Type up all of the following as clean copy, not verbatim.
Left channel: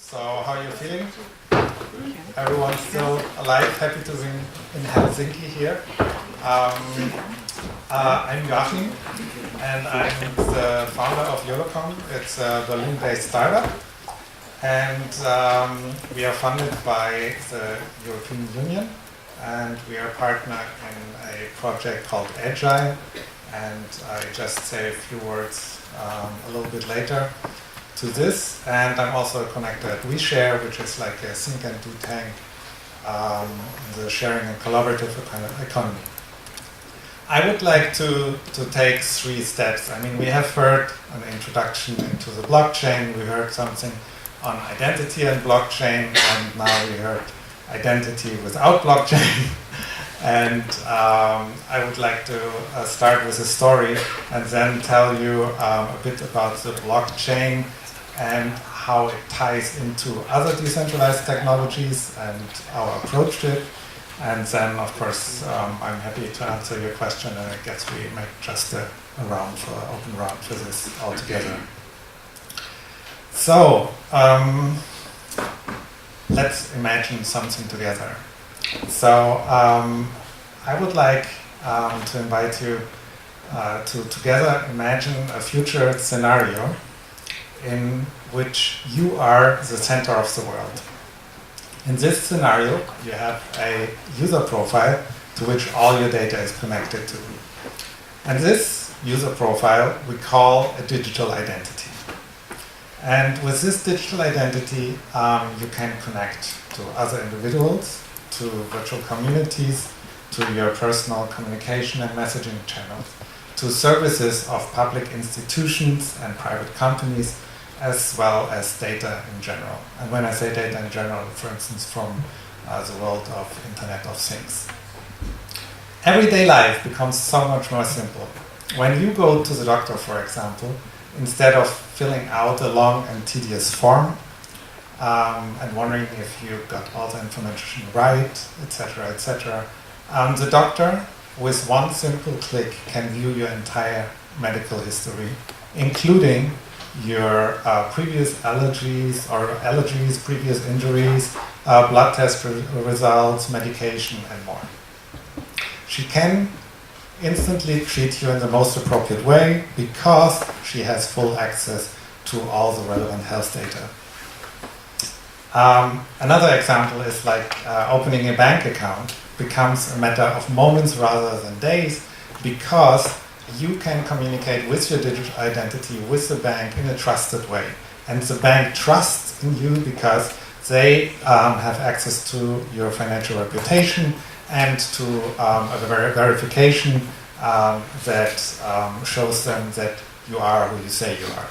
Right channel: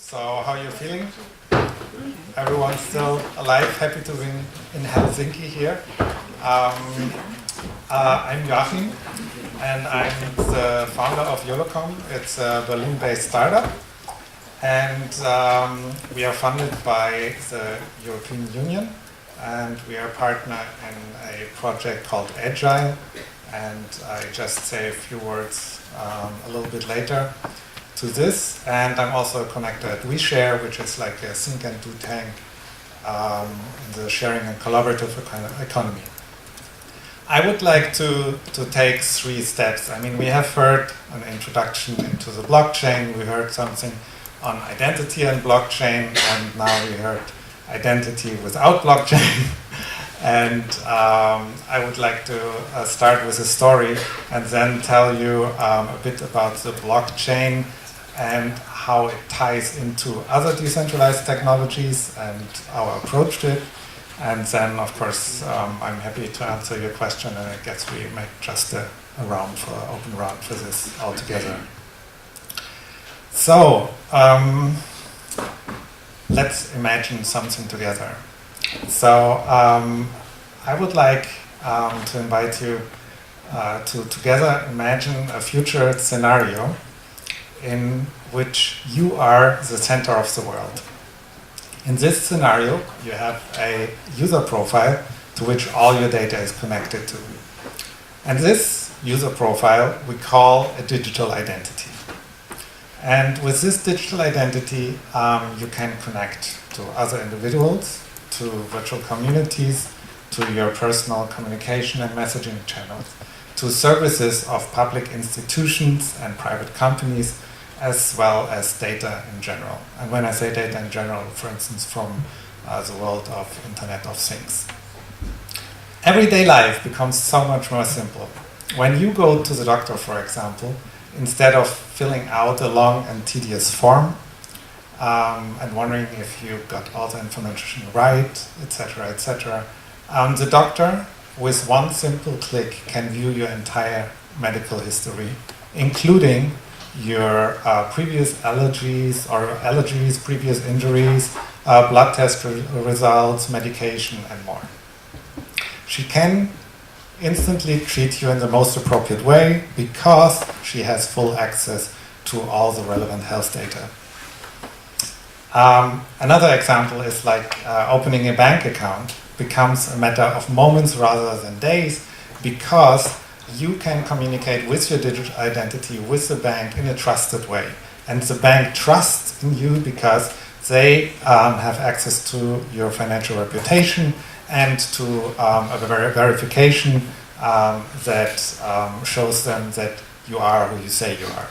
So, how are you feeling? Everyone's still alive, happy to be in Helsinki here. I'm Joachim, and I'm the founder of Lohkamp. It's a Berlin-based startup, and we are funded by the European Union, and we are a partner in a project called Agile, and I just say a few words a little bit later to this. And I'm also a connector at WeShare, which is like a think and do tank in the sharing and collaborative economy. I would like to take 3 steps. I mean, we have heard an introduction into the blockchain, we heard something on identity and blockchain, and now we heard identity without blockchain. And I would like to start with a story and then tell you a bit about the blockchain and how it ties into other decentralized technologies and our approach to it. And then, of course, I'm happy to answer your question, and I guess we make just a open round for this all together. So, let's imagine something together. So, I would like to invite you to together imagine a future scenario in which you are the center of the world. In this scenario, you have a user profile to which all your data is connected to. And this user profile we call a digital identity. And with this digital identity, you can connect to other individuals, to virtual communities, to your personal communication and messaging channels, to services of public institutions and private companies, as well as data in general. And when I say data in general, for instance, from the world of Internet of Things. Everyday life becomes so much more simple. When you go to the doctor, for example, instead of filling out a long and tedious form and wondering if you got all the information right, etc., the doctor, with one simple click, can view your entire medical history, including your previous allergies, previous injuries, blood test results, medication, and more. She can instantly treat you in the most appropriate way because she has full access to all the relevant health data. Another example is like opening a bank account becomes a matter of moments rather than days because you can communicate with your digital identity with the bank in a trusted way. And the bank trusts in you because they have access to your financial reputation and to a verification that shows them that you are who you say you are.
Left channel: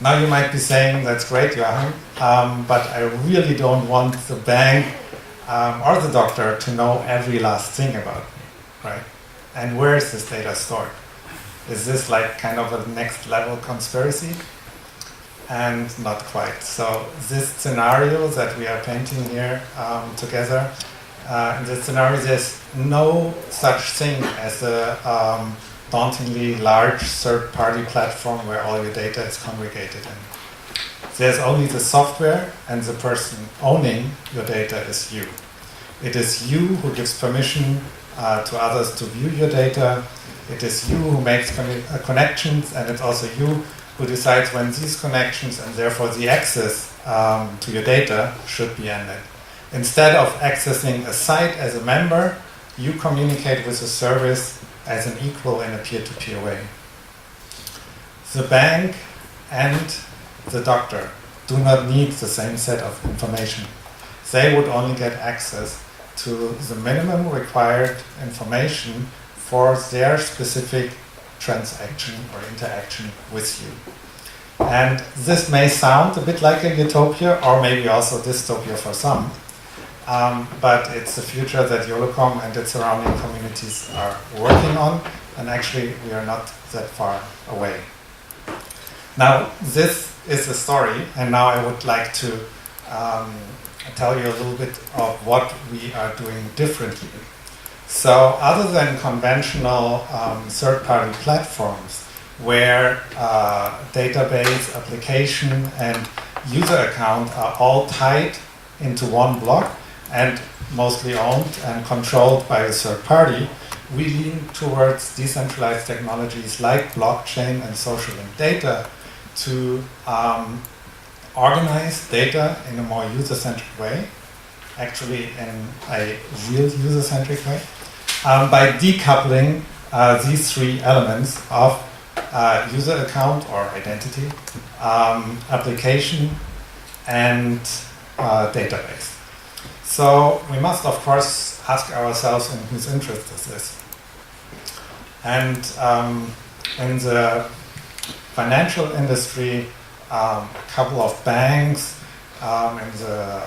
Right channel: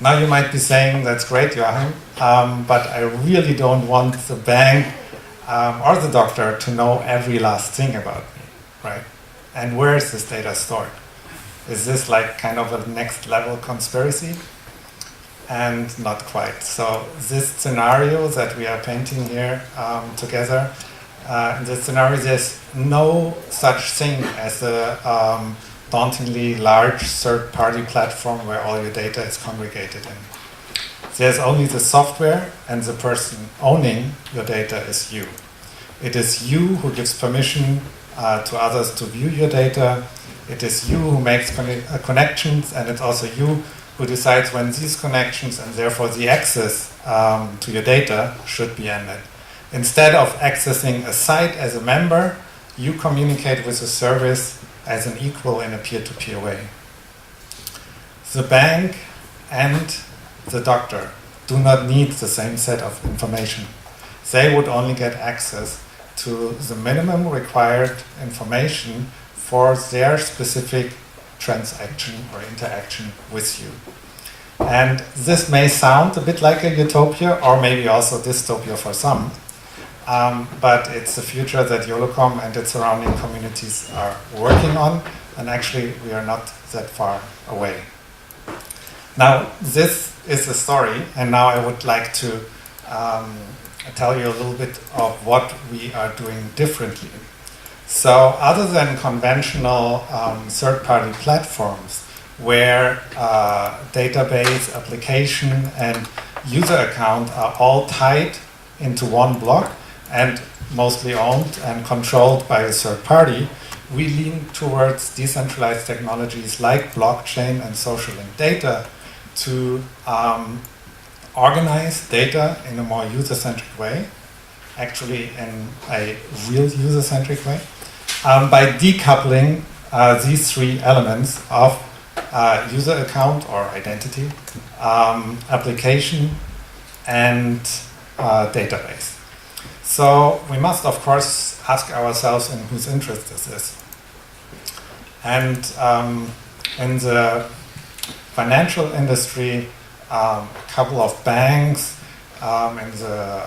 Now you might be saying, that's great, Joachim, but I really don't want the bank or the doctor to know every last thing about me, right? And where is this data stored? Is this like kind of a next level conspiracy? And not quite. So this scenario that we are painting here together, in this scenario there's no such thing as a dauntingly large third-party platform where all your data is congregated in. There's only the software, and the person owning your data is you. It is you who gives permission to others to view your data. It is you who makes connections, and it's also you who decides when these connections and therefore the access to your data should be ended. Instead of accessing a site as a member, you communicate with the service as an equal in a peer-to-peer way. The bank and the doctor do not need the same set of information. They would only get access to the minimum required information for their specific transaction or interaction with you. And this may sound a bit like a utopia, or maybe also dystopia for some, but it's the future that Lohkamp and its surrounding communities are working on, and actually we are not that far away. Now, this is the story, and now I would like to tell you a little bit of what we are doing differently. So other than conventional third-party platforms where database, application, and user account are all tied into one block and mostly owned and controlled by a third party, we lean towards decentralized technologies like blockchain and social linked data to organize data in a more user-centric way, actually in a real user-centric way, by decoupling these three elements of user account or identity, application, and database. So we must, of course, ask ourselves in whose interest this is. And in the financial industry, a couple of banks, and the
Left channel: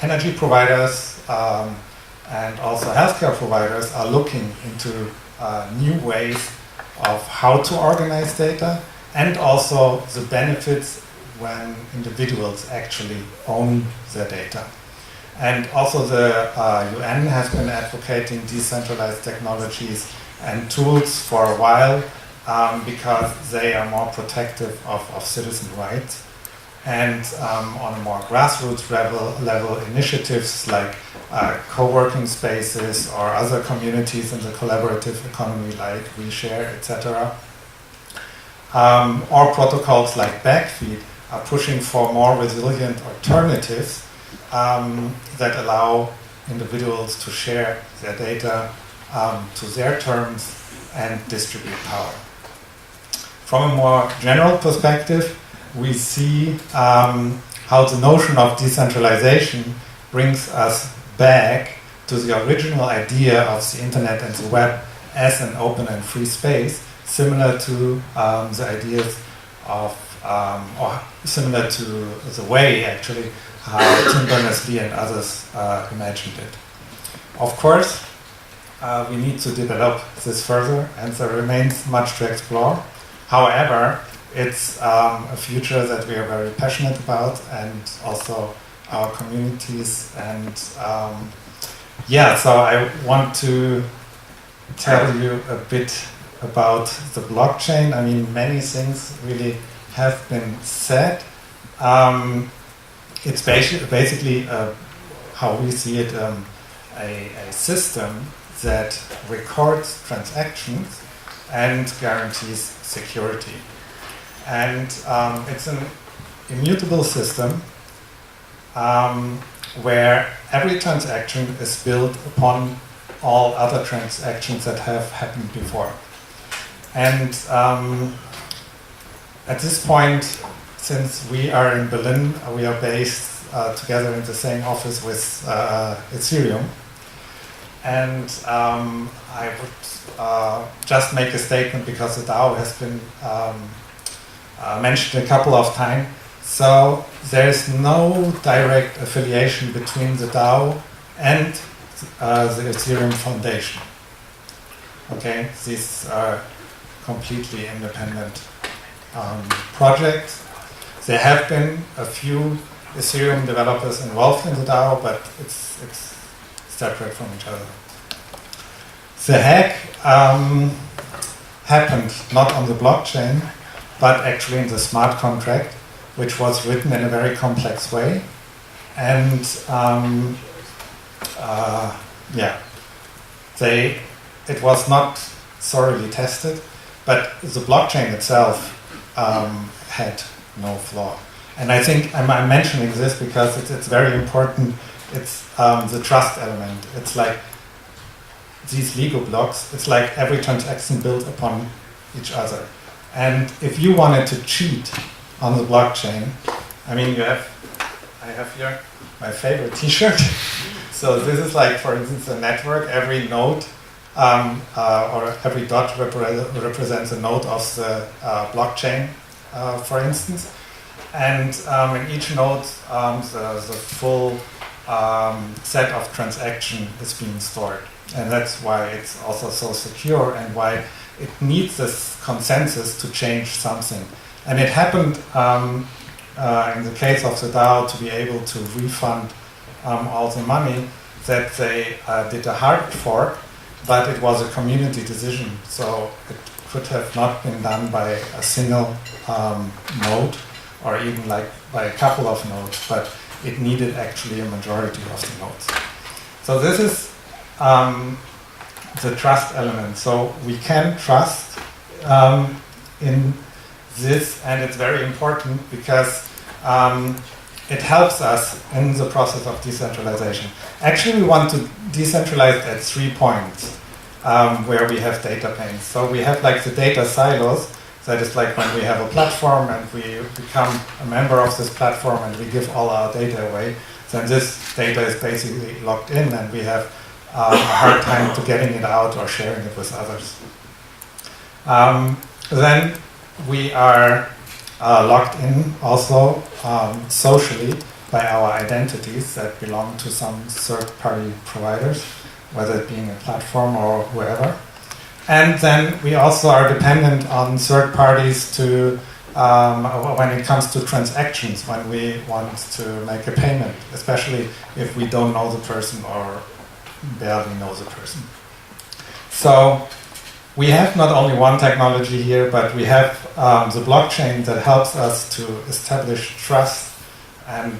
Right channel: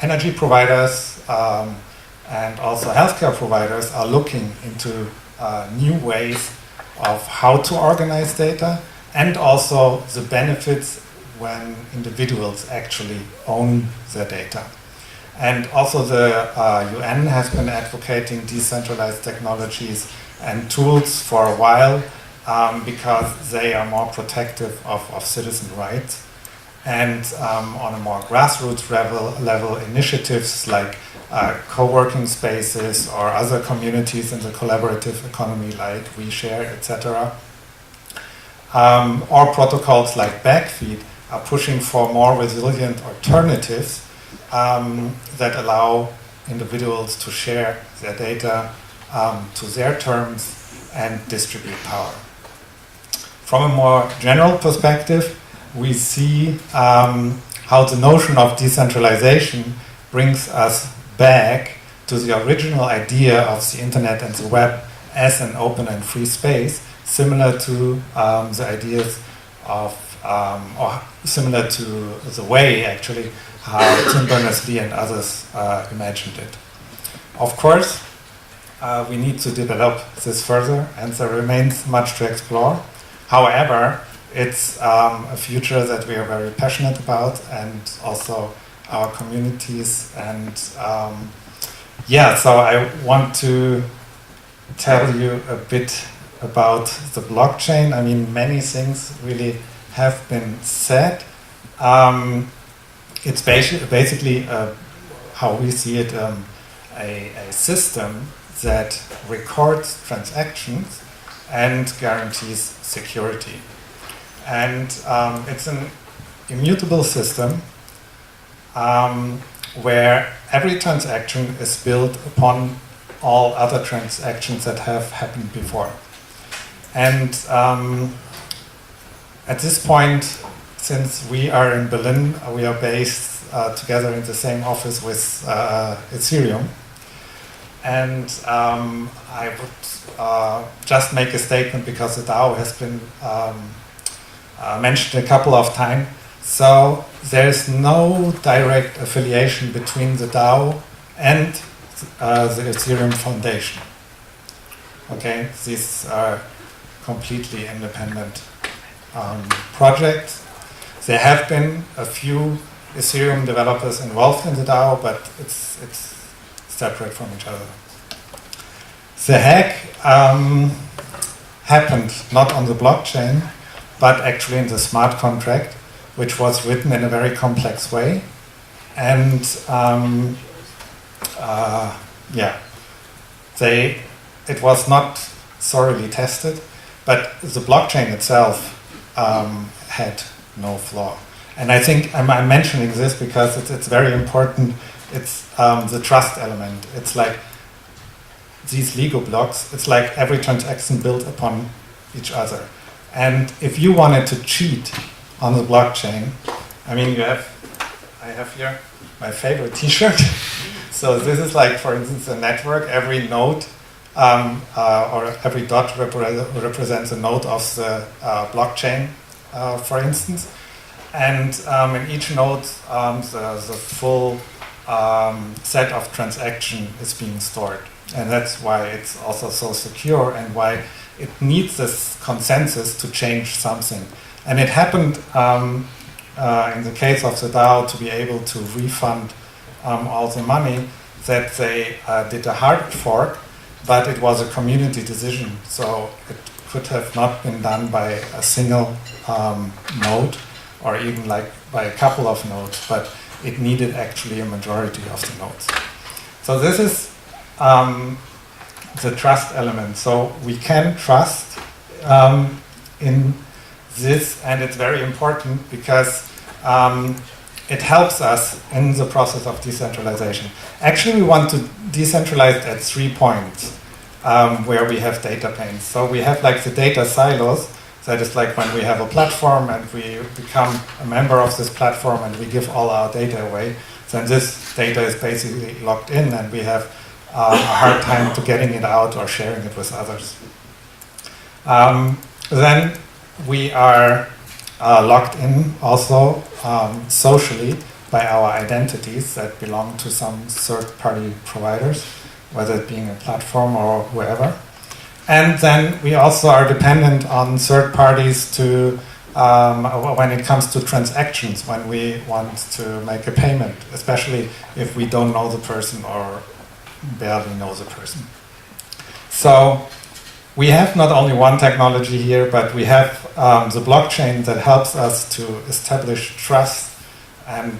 energy providers, and also healthcare providers are looking into new ways of how to organize data, and also the benefits when individuals actually own the data. And also the UN has been advocating decentralized technologies and tools for a while because they are more protective of citizen rights. And on a more grassroots level, initiatives like co-working spaces or other communities in the collaborative economy like WeShare, etc., or protocols like Backfeed are pushing for more resilient alternatives that allow individuals to share their data to their terms and distribute power. From a more general perspective, we see how the notion of decentralization brings us back to the original idea of the internet and the web as an open and free space, similar to the ideas of, or similar to the way, actually, how Tim Berners-Lee and others imagined it. Of course, we need to develop this further, and there remains much to explore. However, it's a future that we are very passionate about, and also our communities. And yeah, so I want to tell you a bit about the blockchain. I mean, many things really have been said. It's basically, how we see it, a system that records transactions and guarantees security. And it's an immutable system where every transaction is built upon all other transactions that have happened before. And at this point, since we are in Berlin, we are based together in the same office with Ethereum. And I would just make a statement because the DAO has been mentioned a couple of times. So there's no direct affiliation between the DAO and the Ethereum Foundation. Okay, these are completely independent projects. There have been a few Ethereum developers involved in the DAO, but it's separate from each other. The hack happened not on the blockchain, but actually in the smart contract, which was written in a very complex way. And it was not thoroughly tested, but the blockchain itself had no flaw. And I think I'm mentioning this because it's very important. It's the trust element. It's like these Lego blocks. It's like every transaction built upon each other. And if you wanted to cheat on the blockchain, I mean, I have here my favorite T-shirt. So this is like, for instance, a network. Every node or every dot represents a node of the blockchain, for instance. And in each node, the full set of transaction is being stored. And that's why it's also so secure and why it needs this consensus to change something. And it happened in the case of the DAO to be able to refund all the money that they did a hard fork, but it was a community decision. So it could have not been done by a single node, or even like by a couple of nodes, but it needed actually a majority of the nodes. So this is the trust element. So we can trust in this, and it's very important because it helps us in the process of decentralization. Actually, we want to decentralize at 3 points where we have data planes. So we have like the data silos. That is like when we have a platform and we become a member of this platform and we give all our data away. Then this data is basically locked in and we have a hard time to getting it out or sharing it with others. Then we are locked in also socially by our identities that belong to some third-party providers, whether it being a platform or whoever. And then we also are dependent on third parties to, when it comes to transactions, when we want to make a payment, especially if we don't know the person or barely know the person. So we have not only one technology here, but we have the blockchain that helps us to establish trust and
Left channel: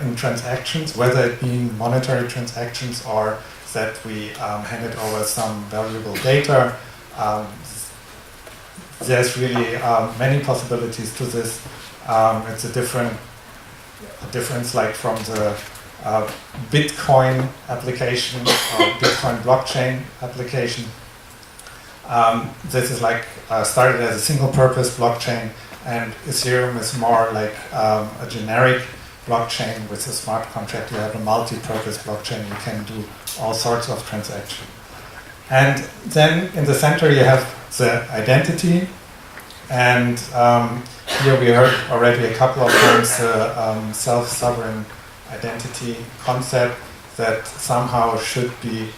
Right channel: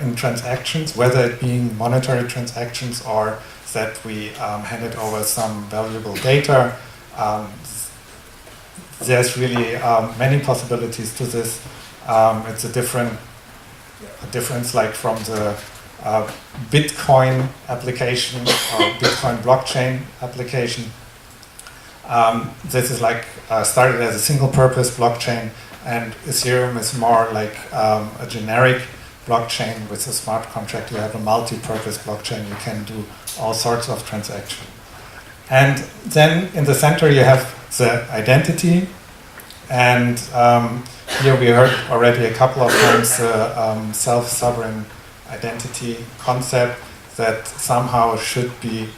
in transactions, whether it being monetary transactions or that we handed over some valuable data. There's really many possibilities to this. It's a difference like from the Bitcoin application or Bitcoin blockchain application. This is like started as a single-purpose blockchain, and Ethereum is more like a generic blockchain with a smart contract. You have a multi-purpose blockchain. You can do all sorts of transactions. And then in the center you have the identity. And here we heard already a couple of times the self-sovereign identity concept that somehow should be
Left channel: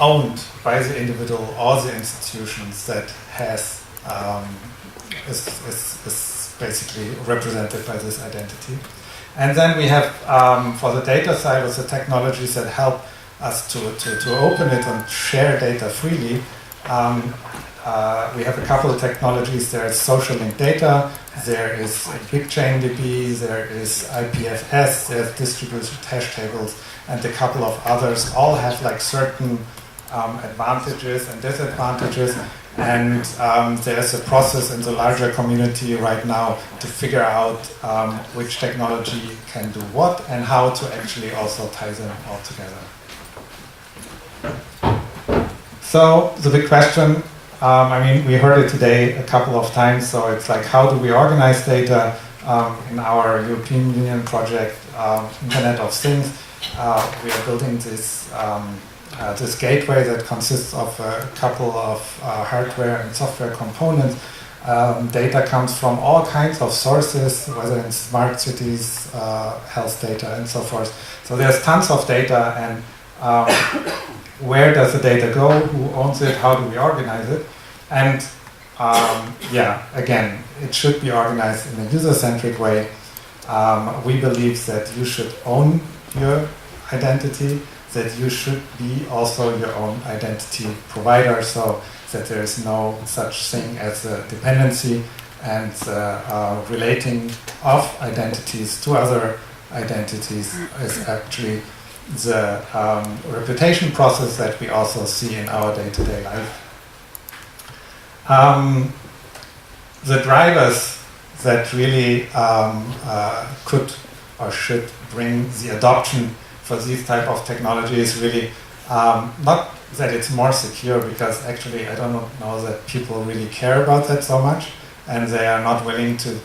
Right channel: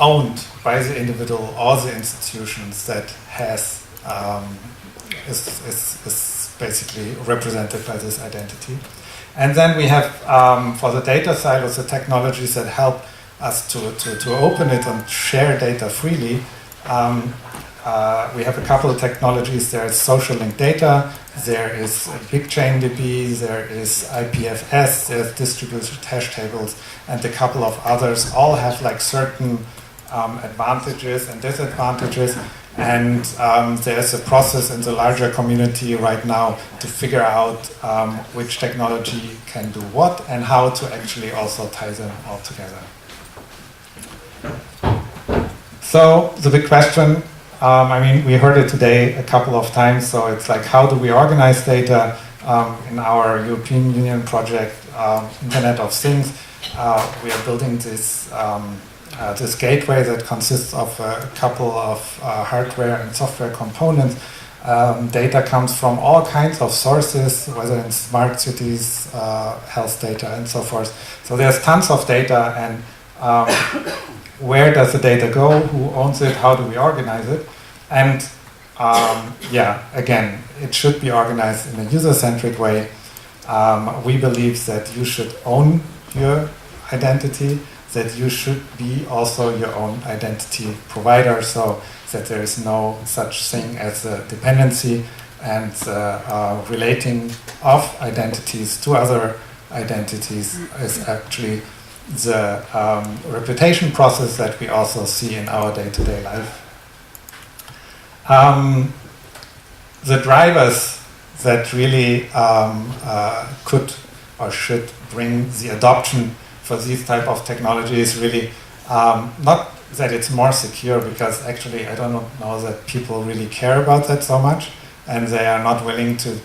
owned by the individual or the institutions that has is basically represented by this identity. And then we have, for the data silos, the technologies that help us to open it and share data freely. We have a couple of technologies. There is social linked data, there is BigChainDB, there is IPFS, there's distributed hash tables, and a couple of others. All have like certain advantages and disadvantages. And there's a process in the larger community right now to figure out which technology can do what and how to actually also tie them all together. So the big question, I mean, we heard it today a couple of times, so it's like, how do we organize data in our European Union project, Internet of Things? We are building this this gateway that consists of a couple of hardware and software components. Data comes from all kinds of sources, whether in smart cities, health data, and so forth. So there's tons of data, and where does the data go? Who owns it? How do we organize it? And yeah, again, it should be organized in a user-centric way. We believe that you should own your identity, that you should be also your own identity provider, so that there is no such thing as a dependency, and relating of identities to other identities is actually the reputation process that we also see in our day-to-day life. The drivers that really could or should bring the adoption for these type of technology is really not that it's more secure, because actually I don't know that people really care about that so much, and they are not willing to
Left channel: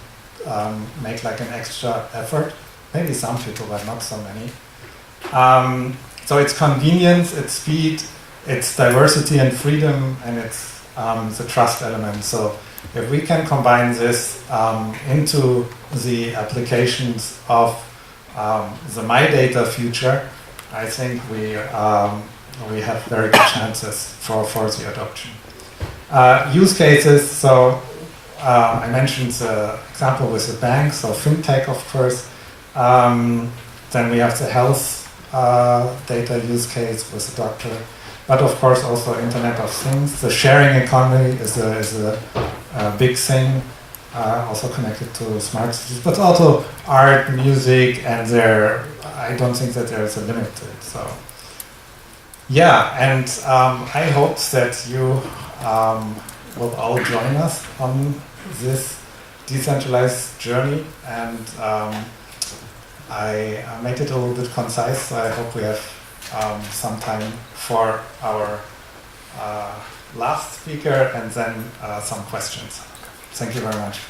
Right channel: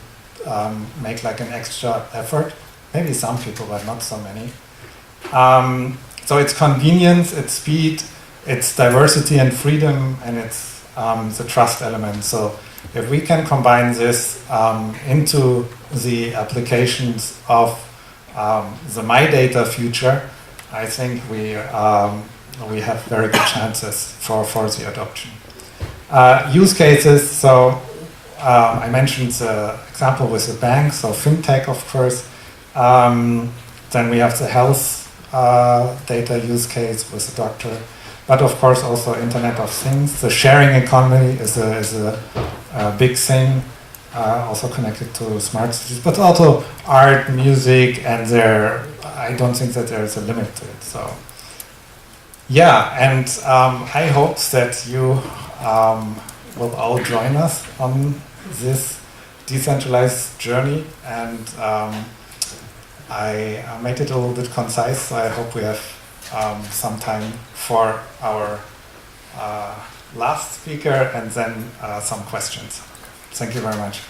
make like an extra effort. Maybe some people, but not so many. So it's convenience, it's speed, it's diversity and freedom, and it's the trust element. So if we can combine this into the applications of the MyData future, I think we have very good chances for the adoption. Use cases, so I mentioned the example with the bank, so fintech, of course. Then we have the health data use case with the doctor. but of course also Internet of Things. The sharing economy is a big thing, also connected to smart cities, but also art, music, and I don't think that there is a limit to it. So yeah, and I hope that you will all join us on this decentralized journey, and I made it a little bit concise, so I hope we have some time for our last speaker and then some questions. Thank you very much.